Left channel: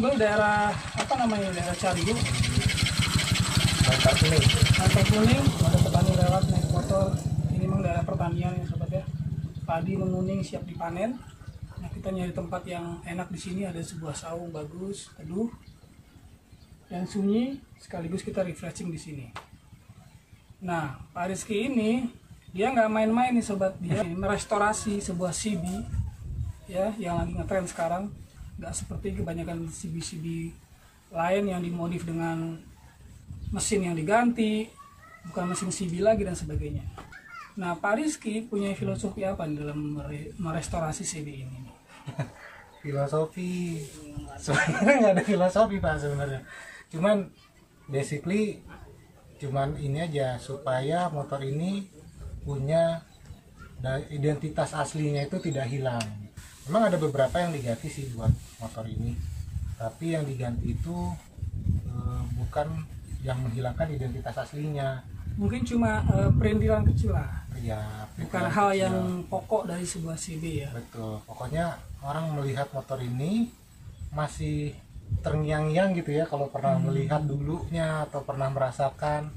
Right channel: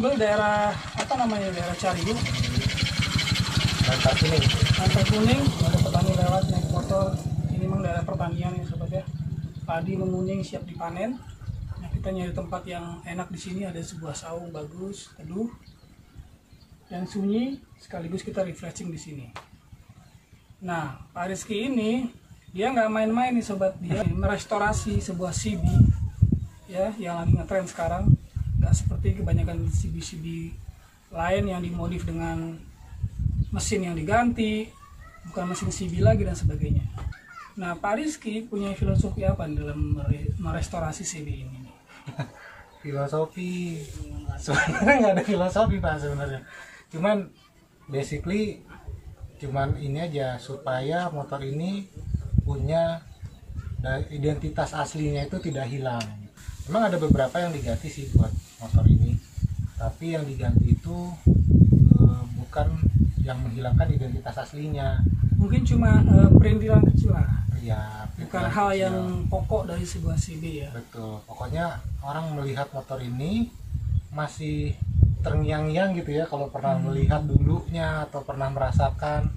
ngambil daerah apa namanya, daerah Cariu, Bantar Kuning. Bantar Kuning. Ada petani lewat naik motor. Ini memang daerah pertanian ya sobat ya. Padi menguning siap dipanen. Nah, kita nyari tempat yang enak di sini. Ada sebuah saung bagus, teduh dan sunyi, sekaligus kita refreshing di sini. Nah, Pak Rizky ini dia nggak main-main nih sobat, dia merestorasi sebuah CB ya yang lagi ngetren sekarang. Nggak seperti kebanyakan CB-CB lain yang dimodif dengan mesin yang diganti, bukan mesin CB lagi dan sebagainya. Nah, Pak Rizky punya filosofi apa dalam merestorasi CB ini? Filosofi sebenarnya nggak ada filosofi Pak sebenarnya. Cuman basically cuman ini aja, supaya motor ini punya identitas aslinya itu tidak hilang. Memang ada beberapa yang diganti sih buat motor ini, tapi yang diganti itu bukan yang menghilangkan identitas aslinya. Mungkin cuma perintilan kecil lah Ya, bukan hal yang pokok dari sebuah CB ya. betul. Pokoknya orang melihat motor ini masih terngiang-ngiang gitu ya, kalau pernah melihat dulunya atau pernah merasakan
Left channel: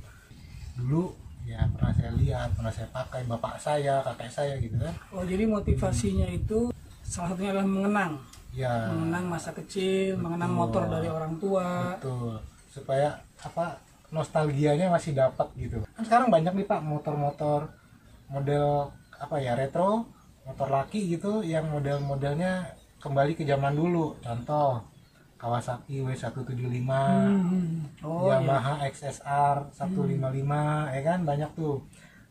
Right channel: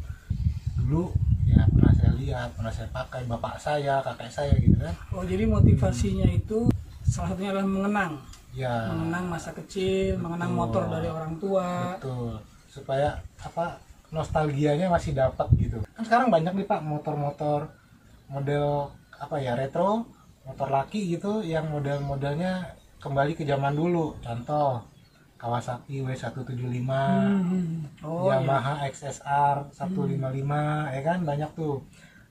dulu ya, pernah saya lihat, pernah saya pakai, bapak saya, kakek saya gitu kan. Oh, jadi motivasinya itu salah satunya adalah mengenang Ya, masa kecil, mengenang motor dari orang tua. betul. Supaya apa, nostalgianya masih dapat gitu. Kan sekarang banyak nih Pak motor-motor model apa ya, retro, motor laki gitu, yang model-modelnya kembali ke zaman dulu. Contoh Kawasaki W175, Oh, iya. Yamaha XSR 155, ya kan, banyak tuh.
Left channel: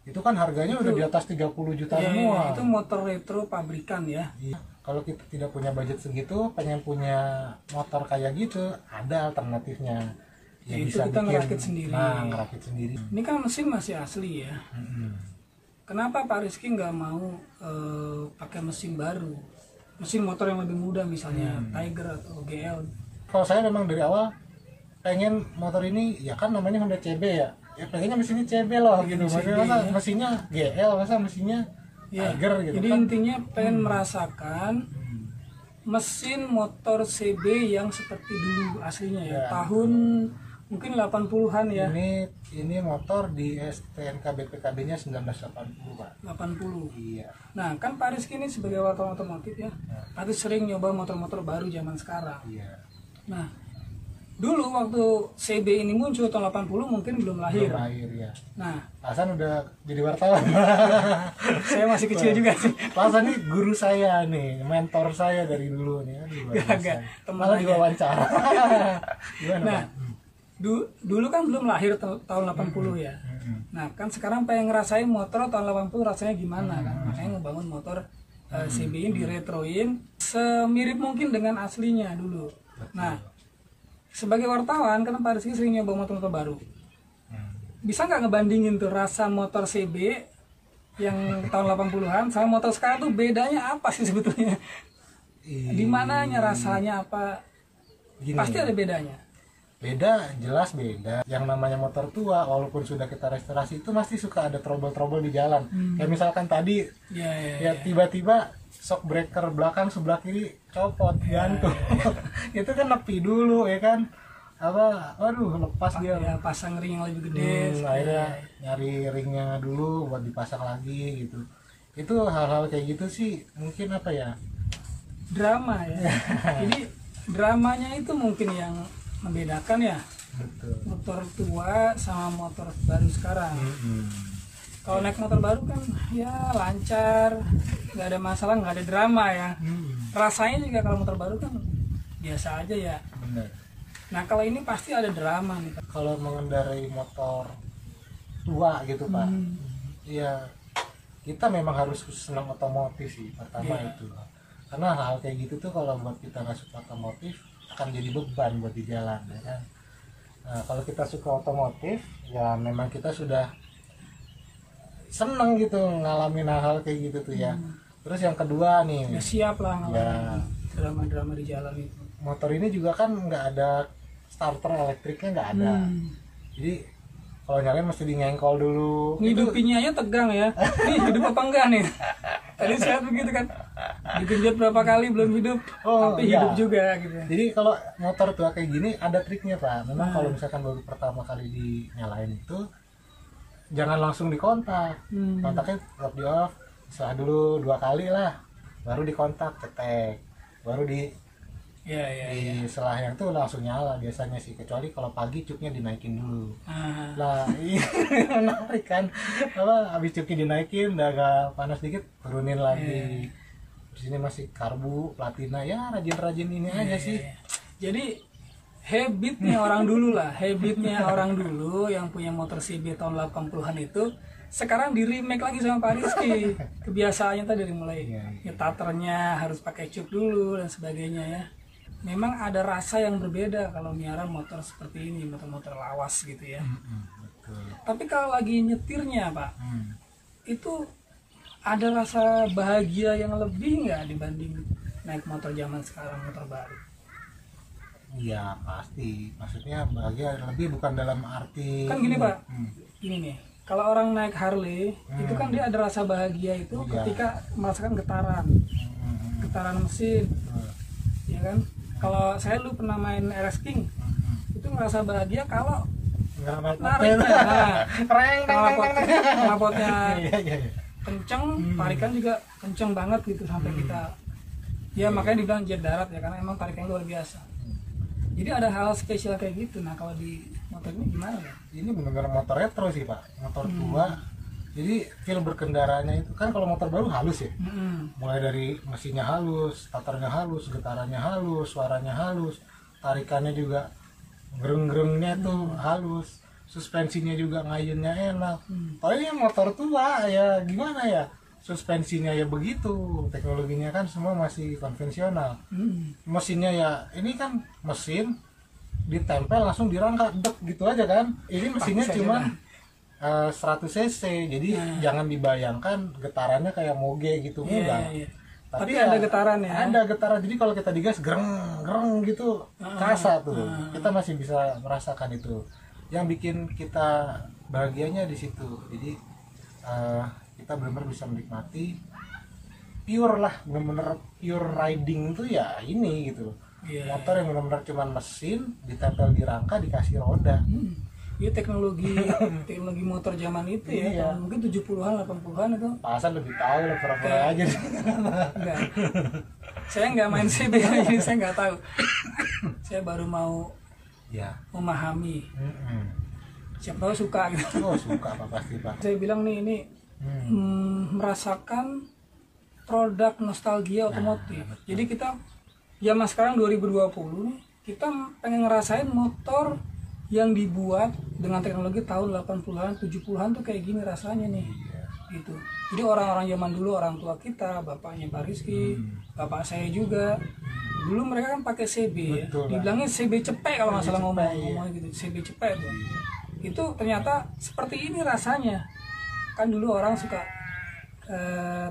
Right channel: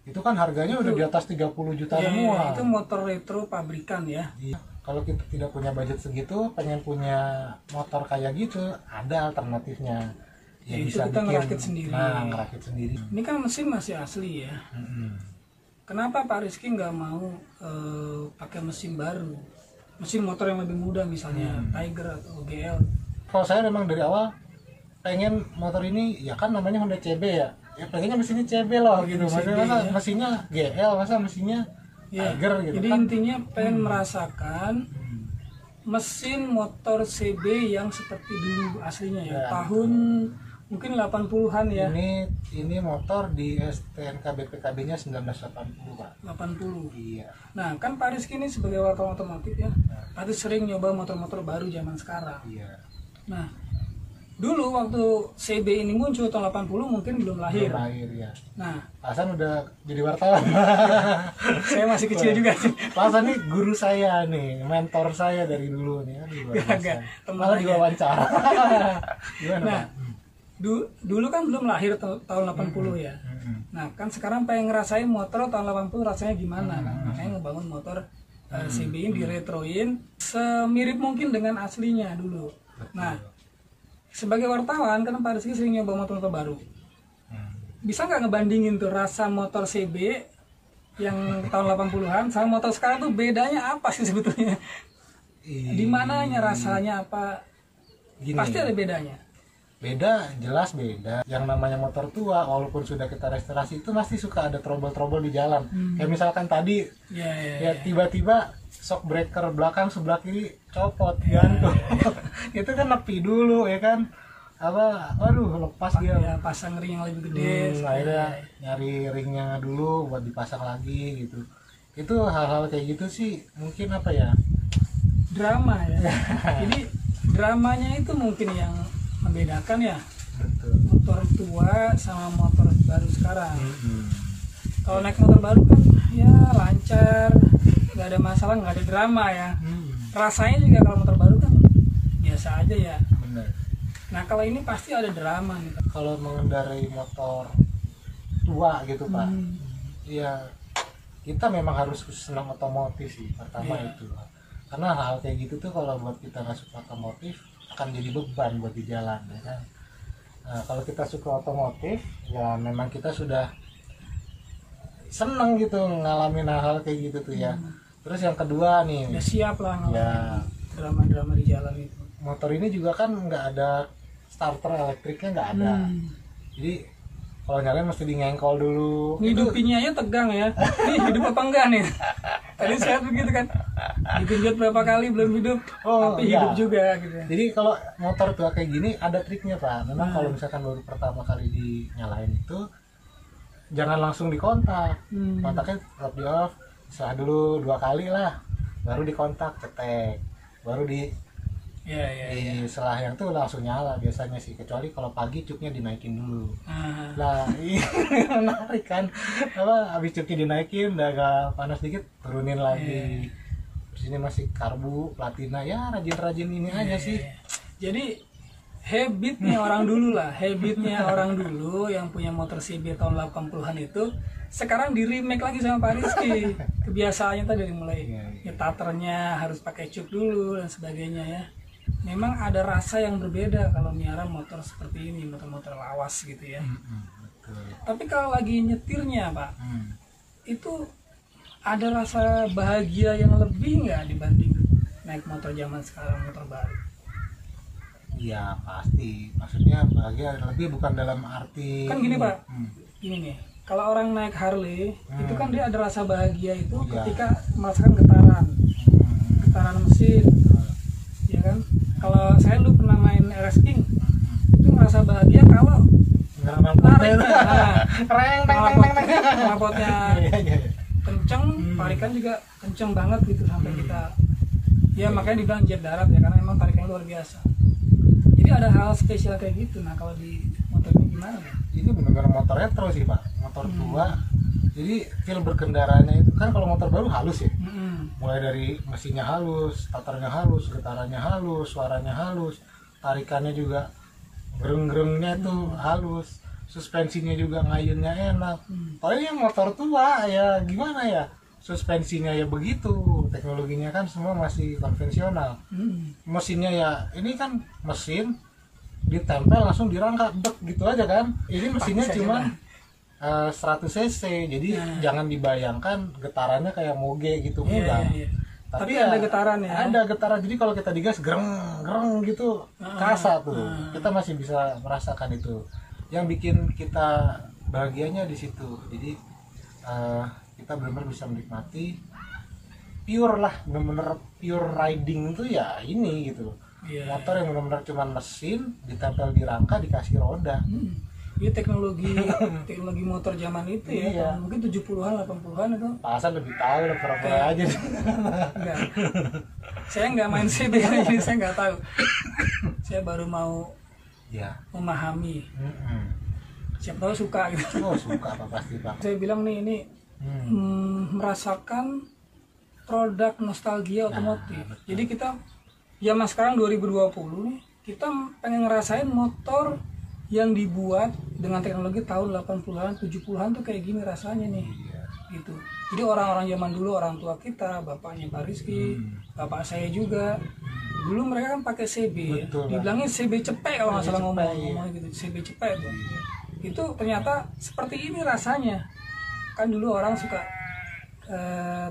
Itu kan harganya udah di atas 30 juta Iya, semua. itu motor retro pabrikan ya. Iya. Kalau kita tidak punya budget segitu, pengen punya motor kayak gitu, ada alternatifnya. Ya, Itu kita ngerakit sendiri. Nah, ngerakit sendiri. Ini kan mesin masih asli ya. Kenapa Pak Rizky nggak mau pakai mesin baru? Mesin motor yang lebih mudah, misalnya Tiger atau GL. Kalau saya memang dari awal pengen motor ini, ya kan namanya Honda CB ya. Ya pengennya mesinnya CB loh gitu. Maksudnya masa ya. mesinnya GL, masa mesinnya Ya, Tiger gitu jadi kan. intinya pengen merasakan mesin motor CB yang seperti dulu aslinya ya. Ya, Tahun mungkin 80-an ya. Ini motor di STNK BPKB-nya 1980, Pak. 80. Iya. Nah, kan Pak Rizky ini sebagai wartawan otomotif ya, pasti sering nyoba motor-motor baru zaman sekarang. Iya. Nah, dulu waktu CB ini muncul tahun 80 mungkin belum lahir. Belum lahir ya. Nah, Hasan udah jadi wartawan. saya masih kecil juga sih. Hasan nih guru saya nih, mentor saya dari dulu nih. Aduh, luar biasa. Gak, teman Malah aja. diwawancara. Gimana, Nah, Pak? dulu kan belum lahir tahun 80 ya. Nah, kan sekarang pengen ngerasain motor tahun 80 rasanya gimana kan. Makanya ngebangun motor CB ini diretroin semirip mungkin dengan aslinya dulu. Nah, sebagai wartawan kan Pak Rizky sering nyoba motor-motor baru. Bisa nggak ngebandingin tuh rasa motor CB yang tahun 80-an sama motor sekarang tuh bedanya apa sih sebetulnya? Di mananya rasanya apa? Gini, Pasti ada bedanya. beda, jelas beda. Yang namanya motor tua, walaupun sudah kita restorasi, itu masih suka ada trouble-trouble di jalan. Kayak misalkan tadi, ya tiba-tiba shock breaker belakang sebelah kiri copot, gantung. Itu kan nepi dulu ya kan. Apa, aduh lepas dia. Ya, pasang ring yang lebih gede. Akhirnya nyari ringnya dulu buat dipasang lagi gitu. Itu hal-hal kayak gitu sih mungkin apa ya, Drama ya. Jadi dramanya itu mungkin yang membedakan ya, betul. motor tua sama motor baru sekarang. Kalau naik motor baru kan ya lancar, nggak ada masalah, nggak ada drama ya. Rasanya juga kalau motor baru kan biasa aja ya. Bener. Nah, kalau ini pasti ada drama nih. Kalau mengendarai motor tua gitu Pak, ya kita memang harus senang otomotif sih pertama. Itu karena hal kayak gitu tuh kalau buat kita nggak suka otomotif akan jadi beban buat di jalan ya kan. Nah, kalau kita suka otomotif ya memang kita sudah seneng gitu ngalamin hal-hal kayak gitu tuh ya. Terus yang kedua nih, Ya siap lah ngalamin drama-drama di jalan itu. motor ini juga kan nggak ada starter elektriknya, nggak ada. Jadi kalau nyalain mesti di ngengkol dulu. Ngidupinnya aja tegang ya. Ini hidup apa enggak nih? Tadi sehat begitu kan. Digenjot berapa kali belum hidup, tapi iya. hidup juga gitu. Jadi kalau motor tua kayak gini ada triknya Pak. Memang kalau misalkan baru pertama kali dinyalain itu jangan langsung dikontak. Kontaknya tetap di off, setelah dulu 2 kali lah, baru dikontak, cetek, baru di setelah yang tuh langsung nyala biasanya sih, kecuali kalau pagi cuknya dinaikin dulu. Lah ini menarik kan, apa habis cuknya dinaikin udah agak panas dikit turunin lagi. Di sini masih karbu platina ya, rajin-rajin ini aja sih. Jadi habitnya orang dulu lah, habitnya orang dulu yang punya motor CB tahun 80-an itu sekarang di remake lagi sama Pak Rizky. Kebiasaannya tadi mulai nyetaternya harus pakai cuk dulu dan sebagainya ya. Memang ada rasa yang berbeda kalau miara motor seperti ini, motor-motor lawas gitu ya. Betul. Tapi kalau lagi nyetirnya Pak, itu ada rasa bahagia yang lebih nggak dibanding naik motor zaman sekarang, motor baru? Iya pasti, maksudnya bahagia lebih bukan dalam arti Kan gini Pak, gini nih, kalau orang naik Harley itu kan dia ada rasa bahagia itu ketika merasakan getaran mesin, ya kan? Kalau saya dulu pernah main RS King, itu merasa bahagia kalau tarik, knalpotnya kenceng, tarikan juga kenceng banget gitu sampai kita, ya makanya dibilang jet darat ya, karena emang tarikannya luar biasa. Jadi ada hal spesial kayak gitu. Nah kalau di motor ini gimana ya? Ini benar-benar motor retro sih Pak, motor tua. Jadi feel berkendaranya itu kan kalau motor baru halus ya, mulai dari mesinnya halus, starternya halus, getarannya halus, suaranya halus, tarikannya juga gereng-gerengnya tuh halus, suspensinya juga ngayunnya enak. Kalau ini motor tua ya gimana ya, suspensinya ya begitu, teknologinya kan semua masih konvensional. Mesinnya ya ini kan mesin ditempel langsung dirangka dek gitu aja kan. Ini mesinnya cuma 100 cc, jadi jangan dibayangkan getarannya kayak moge gitu, enggak. Tapi ada getaran ya. Ada getaran, jadi kalau kita digas gereng gitu kerasa tuh. Kita masih bisa merasakan itu. Yang bikin kita bahagianya di situ. Jadi kita benar-benar bisa menikmati pure lah, benar-benar pure riding itu ya ini gitu. Motor yang benar-benar cuma mesin ditempel di rangka dikasih roda. Iya teknologi motor zaman itu ya, mungkin 70-an 80-an itu. Pasan lebih tahu lah, pura-pura aja. Enggak. Saya nggak main CB jadi saya nggak tahu. Saya baru mau memahami. Siapa tahu suka gitu. Oh suka apa pasti Pak. Saya bilang nih ini merasakan produk nostalgia otomotif. Jadi kita zaman sekarang 2020 nih, kita pengen ngerasain motor yang dibuat dengan teknologi tahun 80-an, 70-an tuh kayak gini rasanya nih. Gitu. Jadi orang-orang zaman dulu, orang tua kita, bapaknya Pak Rizky, bapak saya juga, dulu mereka kan pakai CB. Dibilangnya CB cepek kalau nggak salah ngomong gitu, CB cepek tuh. Itu ternyata seperti ini rasanya. Kan dulu orang suka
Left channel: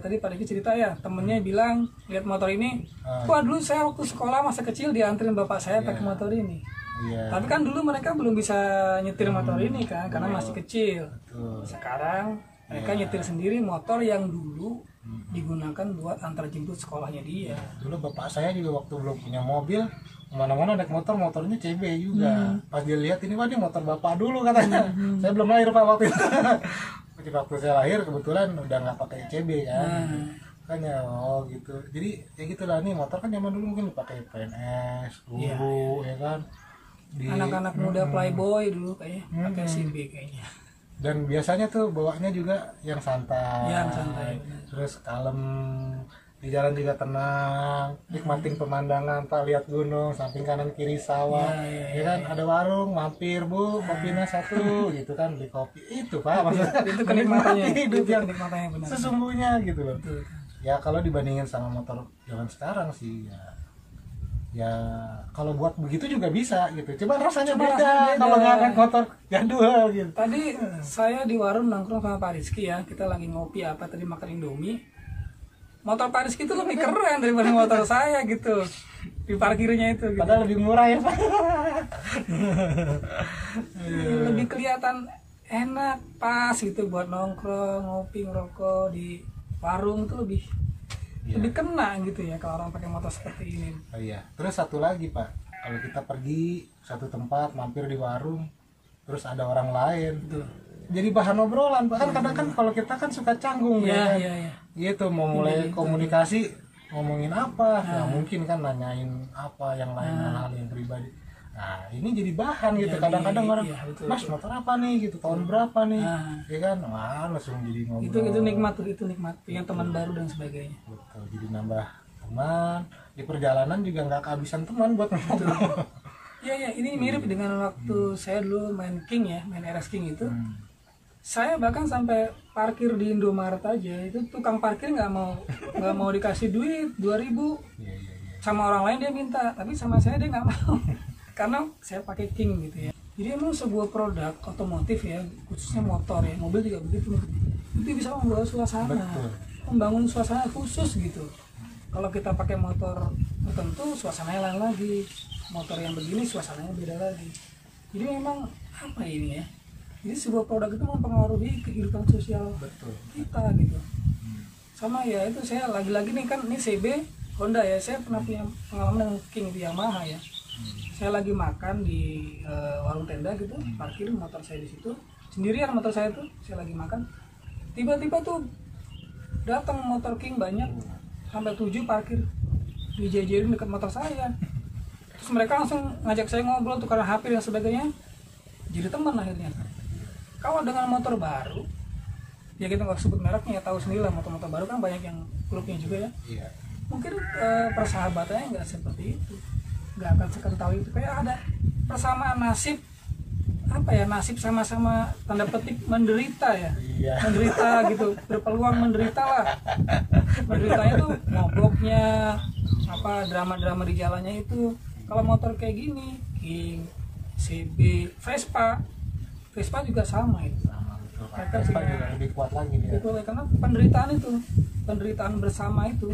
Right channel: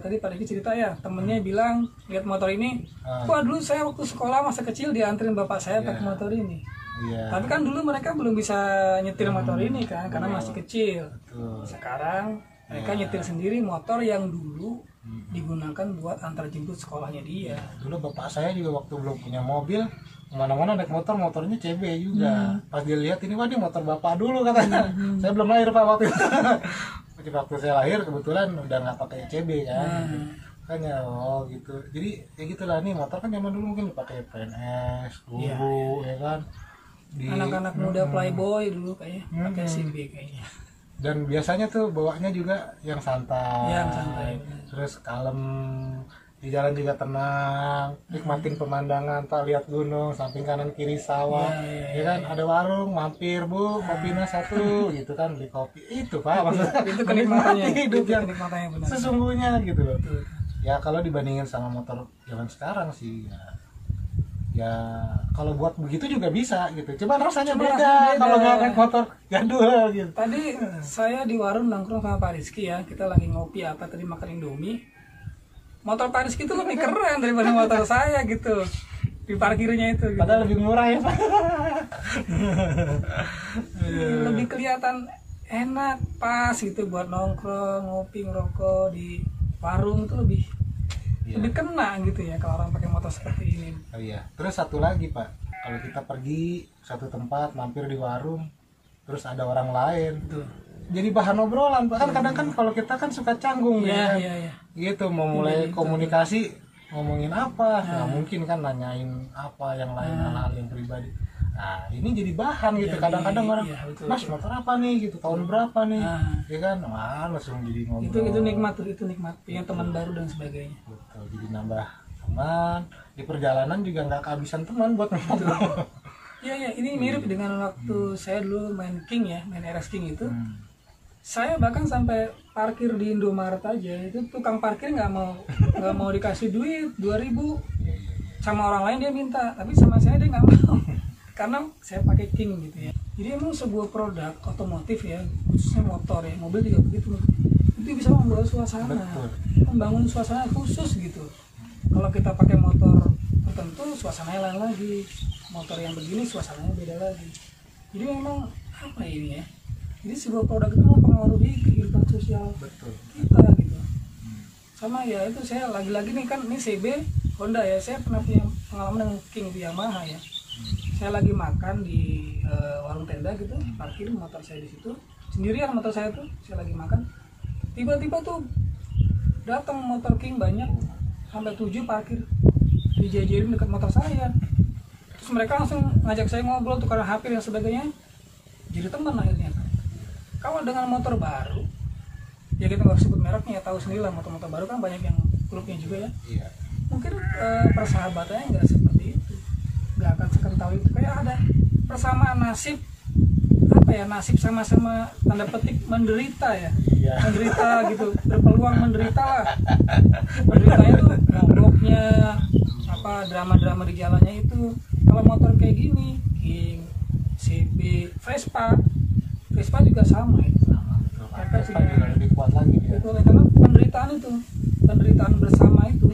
tadi Pak Rizky cerita ya, temennya bilang lihat motor ini, wah dulu saya waktu sekolah masa kecil dianterin bapak saya pakai motor ini. Tapi kan dulu mereka belum bisa nyetir motor ini kan, karena masih kecil. Sekarang mereka nyetir sendiri motor yang dulu digunakan buat antar jemput sekolahnya dia. Dulu bapak saya juga waktu belum punya mobil, kemana-mana naik motornya CB juga. Pas dia lihat ini, wah ini motor bapak dulu katanya. Saya belum lahir Pak waktu itu. Waktu saya lahir kebetulan udah nggak pakai CB kan. Makanya gitu. Jadi ya gitulah, nih motor kan zaman dulu mungkin dipakai PNS, guru ya kan. Anak-anak muda playboy dulu kayaknya pakai CB kayaknya. Dan biasanya tuh bawanya juga yang santai. Terus kalem, di jalan juga tenang, nikmatin pemandangan, Pak, lihat gunung, samping kanan kiri sawah, ya kan, ada warung, mampir Bu, kopinya satu, gitu kan, beli kopi, itu Pak, maksudnya itu kenikmatannya, hidup yang benar. Sesungguhnya gitu loh. Ya kalau dibandingin sama motor zaman sekarang sih, ya kalau buat begitu juga bisa gitu, cuman rasanya beda kalau nggak naik motor jadul gitu. Tadi saya di warung nongkrong sama Pak Rizky ya, kita lagi ngopi apa tadi, makan Indomie. Motor Pak Rizky itu lebih keren daripada motor saya gitu, di parkirnya itu gitu. Padahal lebih murah ya Pak. Lebih kelihatan enak, pas gitu buat nongkrong, ngopi, ngerokok di warung tuh lebih kena gitu ya kalau orang pakai motor seperti ini. Oh iya. Terus satu lagi Pak, kalau kita pergi satu tempat mampir di warung, terus ada orang lain, Betul. jadi bahan obrolan Pak. Kan kadang kan kalau kita kan suka canggung ya kan? Iya. Gitu mau mulai komunikasi ngomongin apa, nggak mungkin kan nanyain apa yang lain, hal-hal yang pribadi. Nah ini jadi bahan gitu. Kadang-kadang orang, Mas motor apa nih gitu, tahun berapa nih, ya kan, wah langsung jadi ngobrol. Itu nikmat tuh, itu nikmat. Punya teman baru dan sebagainya. Betul, jadi nambah teman. Di perjalanan juga nggak kehabisan teman buat ngobrol. Iya, ini mirip dengan waktu saya dulu main King ya, main RS King itu. Saya bahkan sampai parkir di Indomaret aja, itu tukang parkir nggak mau dikasih duit 2.000 sama orang lain dia minta, tapi sama saya dia nggak mau karena saya pakai King gitu ya. Jadi emang sebuah produk otomotif ya, khususnya motor ya, mobil juga begitu, itu bisa membawa suasana, membangun suasana khusus gitu. Kalau kita pakai motor tertentu suasananya lain lagi, motor yang begini suasananya beda lagi. Jadi memang apa ini ya, jadi sebuah produk itu mempengaruhi kehidupan sosial kita gitu. Sama ya itu, saya lagi-lagi nih kan, ini CB Honda ya, saya pernah punya pengalaman dengan King di Yamaha ya. Saya lagi makan di warung tenda gitu, parkir motor saya di situ, sendirian motor saya tuh, saya lagi makan, tiba-tiba tuh datang motor King banyak, sampai 7 parkir dijejerin dekat motor saya. Terus mereka langsung ngajak saya ngobrol, tukeran HP dan sebagainya, jadi teman akhirnya. Kalau dengan motor baru, ya kita nggak sebut mereknya, ya tahu sendiri lah, motor-motor baru kan banyak yang klubnya juga ya. Iya. Mungkin persahabatannya nggak seperti itu, nggak akan sekental itu. Kayak ada persamaan nasib, apa ya, nasib sama-sama tanda petik menderita ya. Iya. Menderita gitu, berpeluang menderita lah. Menderitanya tuh mogoknya, apa drama-drama di jalannya itu. Kalau motor kayak gini, King, CB, Vespa juga sama itu. Mereka juga lebih kuat lagi ya. Betul, karena penderitaan bersama itu.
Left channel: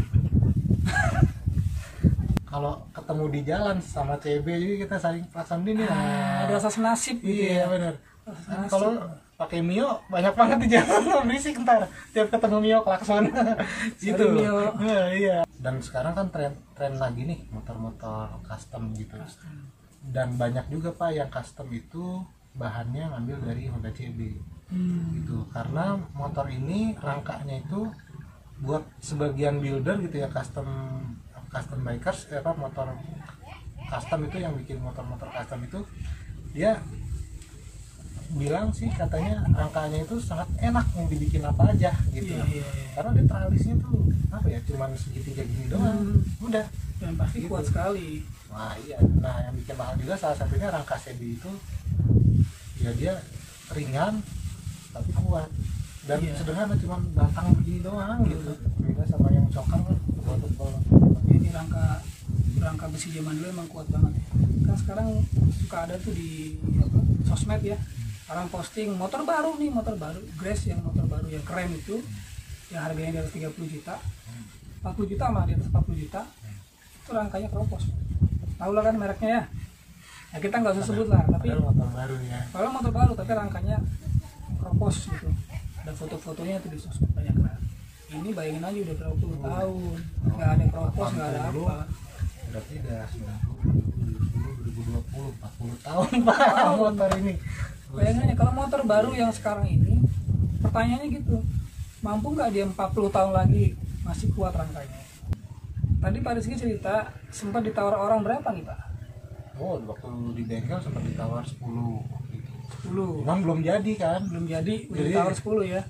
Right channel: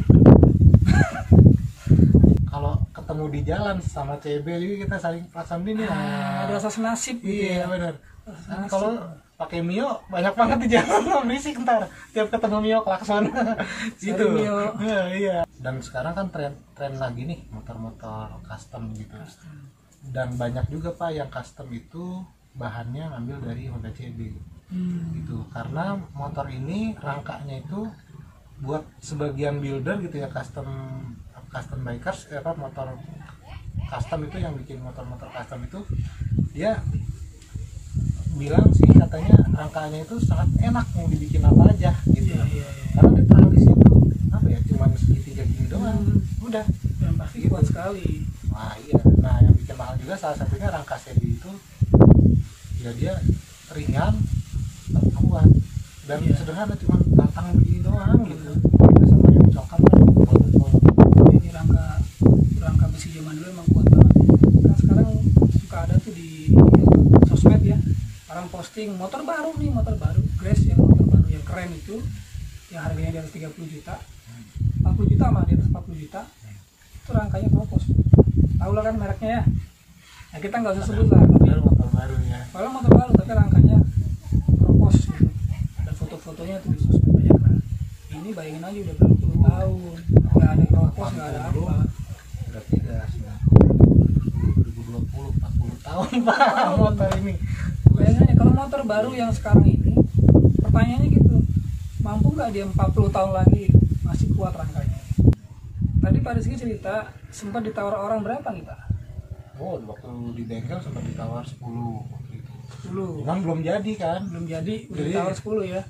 Kalau ketemu di jalan sama CB juga kita saling pasang ini ada rasa senasib gitu. Iya benar. Kalau pakai Mio banyak banget di jalan, berisik ntar tiap ketemu Mio klakson gitu. Mio. Iya. Dan sekarang kan tren lagi nih motor-motor custom gitu. Dan banyak juga Pak yang custom itu bahannya ngambil dari Honda CB gitu, karena motor ini rangkanya itu buat sebagian builder gitu ya, custom bikers, motor custom itu yang bikin motor-motor custom itu, dia bilang sih katanya rangkanya itu sangat enak, mau dibikin apa aja gitu. Iya. Karena dia tralisnya tuh apa ya, cuman segitiga gini doang, udah, dan pasti gitu. Kuat sekali. Nah iya, nah yang bikin mahal juga salah satunya rangka CB itu ya, dia ringan tapi kuat dan sederhana, cuman batang begini doang gitu. Beda sama yang coklat kan ini rangka besi zaman dulu emang kuat banget ya. Kan sekarang suka ada tuh di sosmed ya, orang posting motor baru Grace, yang motor baru yang keren itu, yang harganya di atas 30 juta, 40 juta mah, di atas 40 juta, itu rangkanya Propos. Tahu lah kan mereknya ya. Nah, kita nggak usah sebut lah, tapi motor baru ya. Kalau motor baru tapi rangkanya Propos gitu. Dan foto-fotonya tuh di sosmed banyak lah. Ini bayangin aja udah berapa puluh tahun, nggak ada Propos, nggak ada apa. Berarti udah 2020, 40 tahun Pak motor ini. Bayangin aja kalau motor baru yang sekarang ini, pertanyaannya gitu, mampu nggak dia 40 tahun lagi masih kuat rangkanya? Tadi Pak Rizky cerita sempat ditawar orang berapa nih Pak? Oh, waktu di bengkel sempat ditawar 10 gitu. 10. Cuman belum jadi kan? Belum jadi, udah ditawar 10 ya.